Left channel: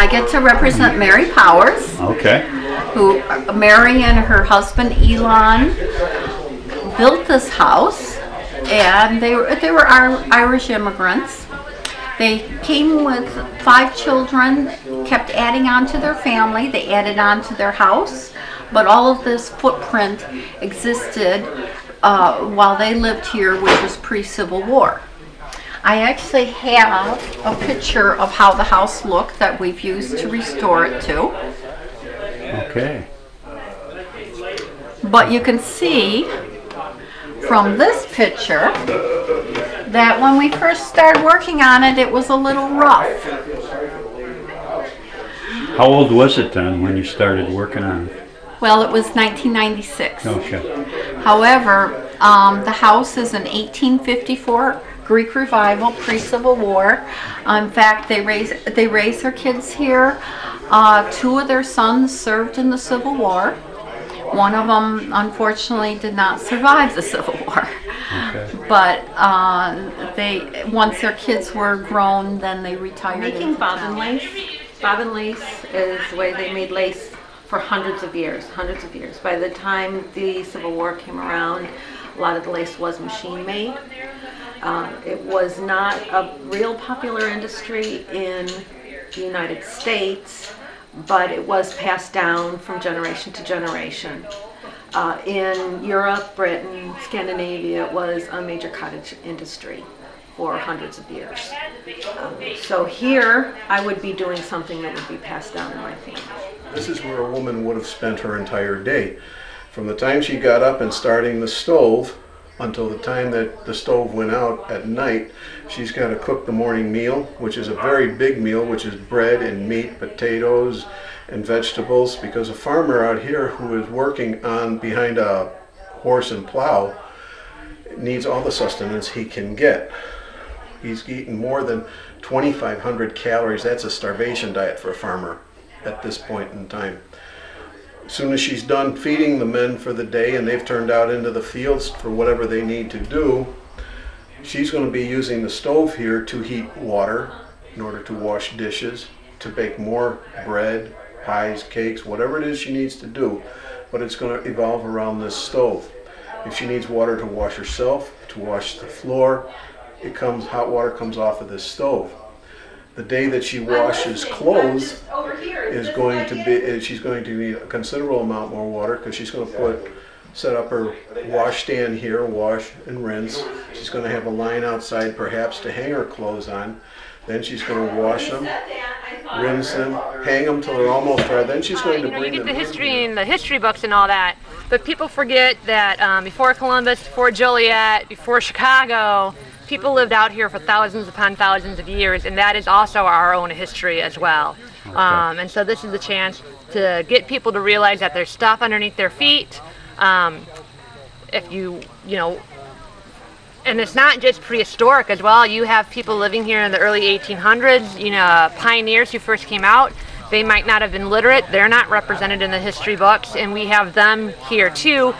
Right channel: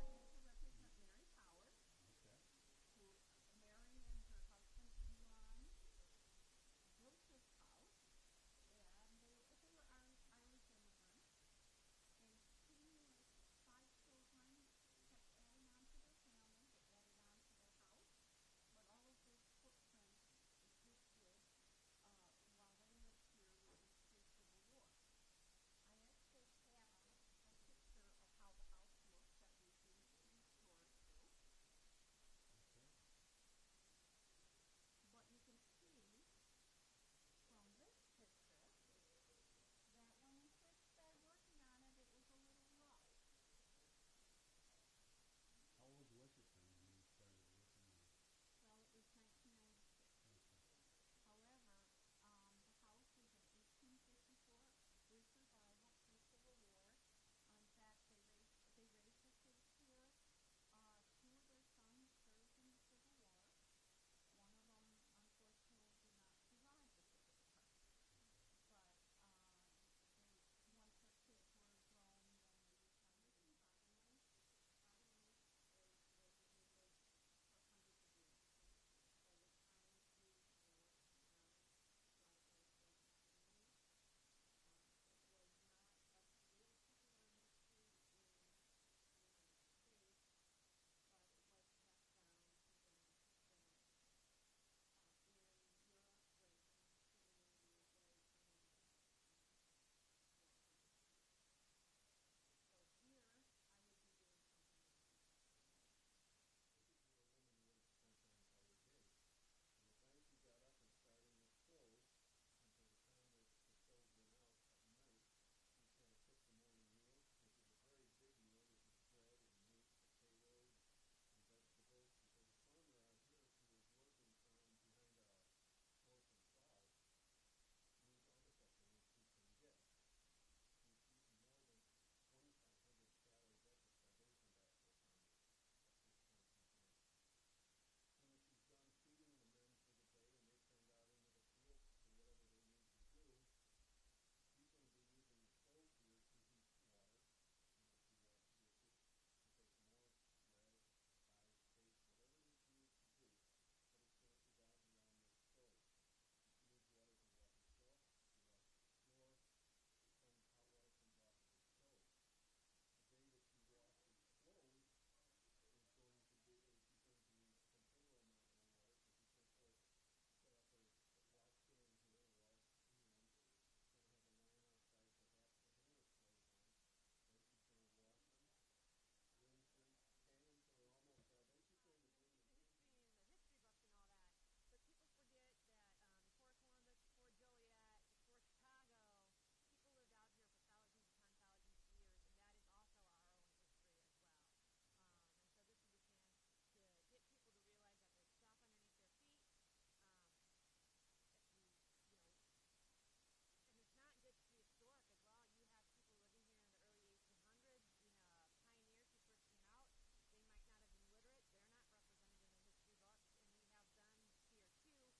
I get to represent Mary Powers. Okay. Who Mary and her husband Elon built this house, and they were Irish immigrants. They came with 5 children, kept adding on to their family. They added on to their house, but all of this footprint existed while they lived here, which was pre-Civil War. I actually have a picture of how the house looked that we've used to restore it to. Okay. But you can see from this picture that when we first started working on it, it was a little rough. How old was it then when you started working on it? Well, it was 1996. Okay. However, the house is an 1854 Greek revival, pre-Civil War. In fact, they raised their kids here. 2 of their sons served in the Civil War. One of them, unfortunately, did not survive the Civil War. Okay. But once their kids were grown, then they retired. Making bobbin lace. Bobbin lace is the way they made lace for hundreds of years. By the time the Civil War came around, a lot of the lace was machine made. It was not a real popular industry in the United States, but it was passed down from generation to generation. In Europe, Britain, Scandinavia, it was a major cottage industry for hundreds of years. So here, I would be doing something that would be passed down in my family. This is where a woman would have spent her entire day. From the time she got up and starting the stove until the time that the stove went out at night, she's got to cook the morning meal, which is a very big meal, which is bread and meat, potatoes and vegetables, because a farmer out here who is working behind a horse and plow needs all the sustenance he can get. He's eating more than 2,500 calories. That's a starvation diet for a farmer at this point in time. As soon as she's done feeding the men for the day and they've turned out into the fields for whatever they need to do, she's going to be using the stove here to heat water in order to wash dishes, to bake more bread, pies, cakes, whatever it is she needs to do, but it's going to evolve around this stove. If she needs water to wash herself, to wash the floor, hot water comes off of this stove. The day that she washes clothes is going to be, she's going to need a considerable amount more water, because she's going to set up her wash stand here, wash and rinse. She's going to have a line outside perhaps to hang her clothes on. Then she's going to wash them, rinse them, hang them till they're almost dry. Then she's going to bring them. You get the history in the history books and all that, but people forget that before Columbus, before Joliet, before Chicago, people lived out here for thousands upon thousands of years, and that is also our own history as well. Okay. And so this is the chance to get people to realize that there's stuff underneath their feet. If you know, and it's not just prehistoric as well. You have people living here in the early 1800s, you know, pioneers who first came out. They might not have been literate. They're not represented in the history books, and we have them here too,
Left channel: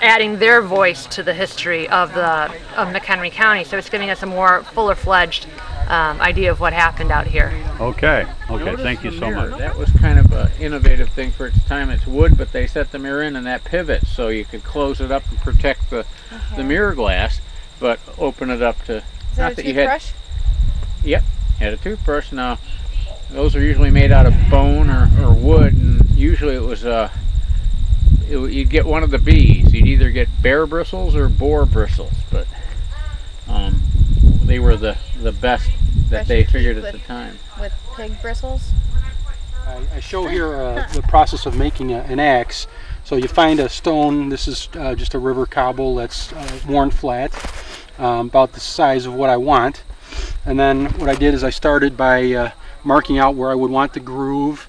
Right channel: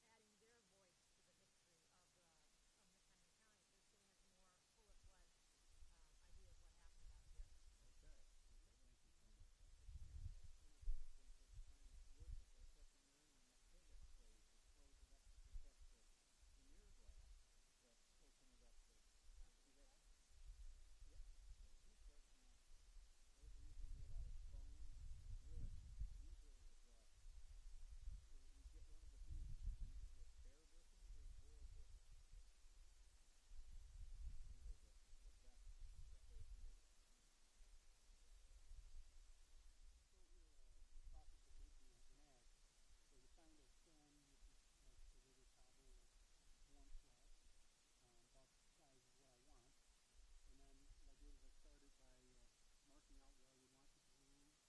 adding their voice to the history of McHenry County. So it's giving us a more fuller-fledged idea of what happened out here. Okay, thank you so much. That was kind of an innovative thing for its time. It's wood, but they set the mirror in that pivot so you could close it up and protect the mirror glass, but open it up to... Is that a toothbrush? Yep, had a toothbrush. Now, those are usually made out of bone or wood, and usually it was you'd get one of the B's. You'd either get bear bristles or boar bristles, but they were the best that they figured at the time. With pig bristles? I show here the process of making an axe. So you find a stone. This is just a river cobble that's worn flat, about the size of what I want. And then what I did is I started by marking out where I would want the groove,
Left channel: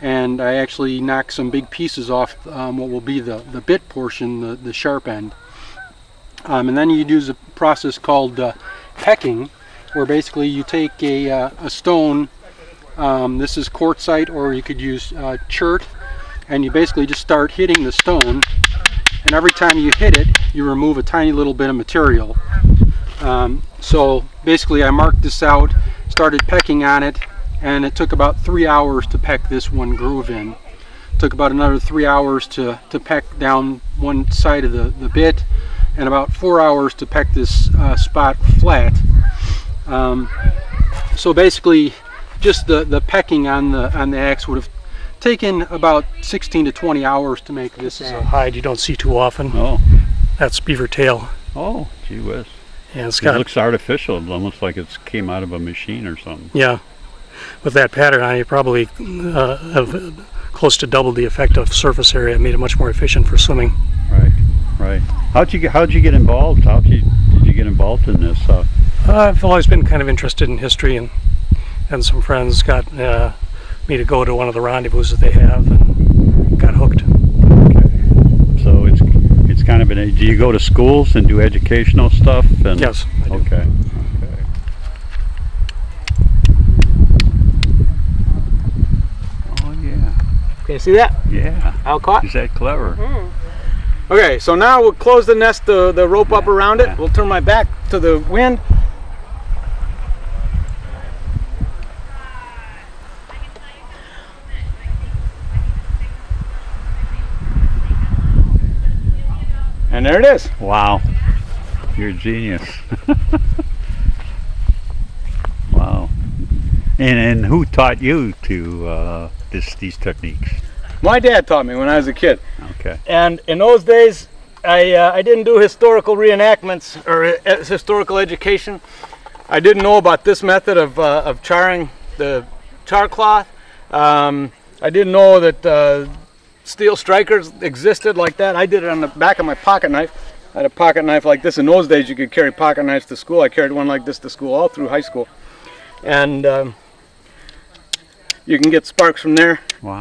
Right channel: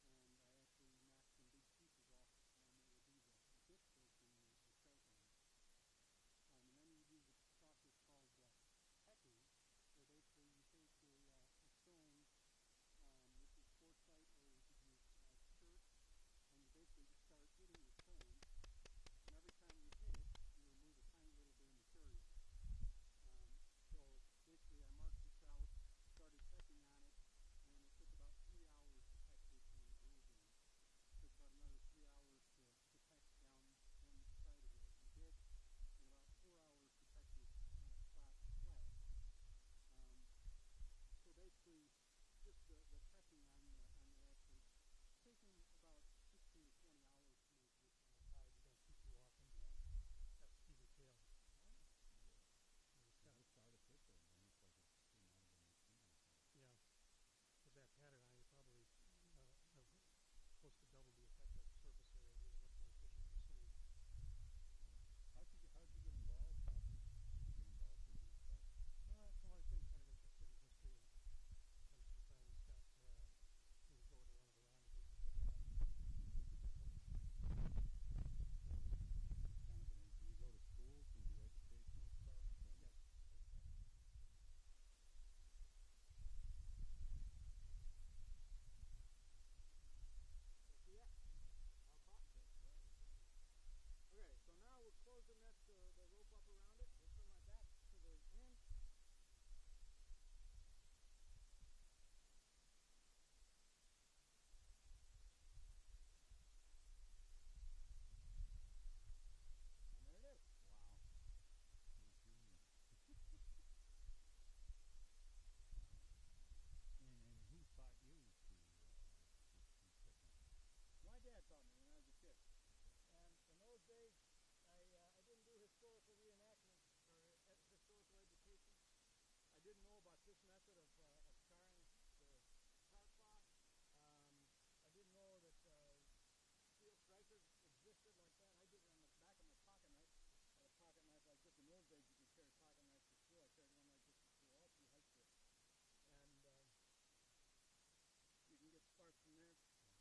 and I actually knocked some big pieces off what will be the bit portion, the sharp end. And then you use a process called pecking, where basically you take a stone, this is quartzite, or you could use chert, and you basically just start hitting the stone, and every time you hit it you remove a tiny little bit of material. So basically I marked this out, started pecking on it, and it took about 3 hours to peck this one groove in. Took about another 3 hours to peck down one side of the bit, and about 4 hours to peck this spot flat. So basically, just the pecking on the axe would have taken about 16 to 20 hours to make this. This is a hide you don't see too often. Oh. That's beaver tail. Oh, gee whiz. Yeah, It looks artificial. It looks like it came out of a machine or something. Yeah. With that pattern on, you probably have close to double the effective surface area. It made it much more efficient for swimming. Right, right. How'd you get involved? Did you get involved in this? I've always been kind of interested in history, and some friends got me to go to one of the rendezvous that they have, and got hooked. Okay. So it's kind of do you go to schools and do educational stuff? And, Yes, I do. Okay. Oh yeah. Can you see that? Yeah. How caught? Is that clever? Okay, so now we'll close the nest, the rope up around it. We'll turn my back to the wind. And there it is. Wow. You're a genius. Wow. And who taught you to these techniques? My dad taught me when I was a kid. Okay. And in those days, I didn't do historical reenactments or historical education. I didn't know about this method of charring the char cloth. I didn't know that steel strikers existed like that. I did it on the back of my pocket knife. I had a pocket knife like this. In those days, you could carry pocket knives to school. I carried one like this to school all through high school. And you can get sparks from there. Wow.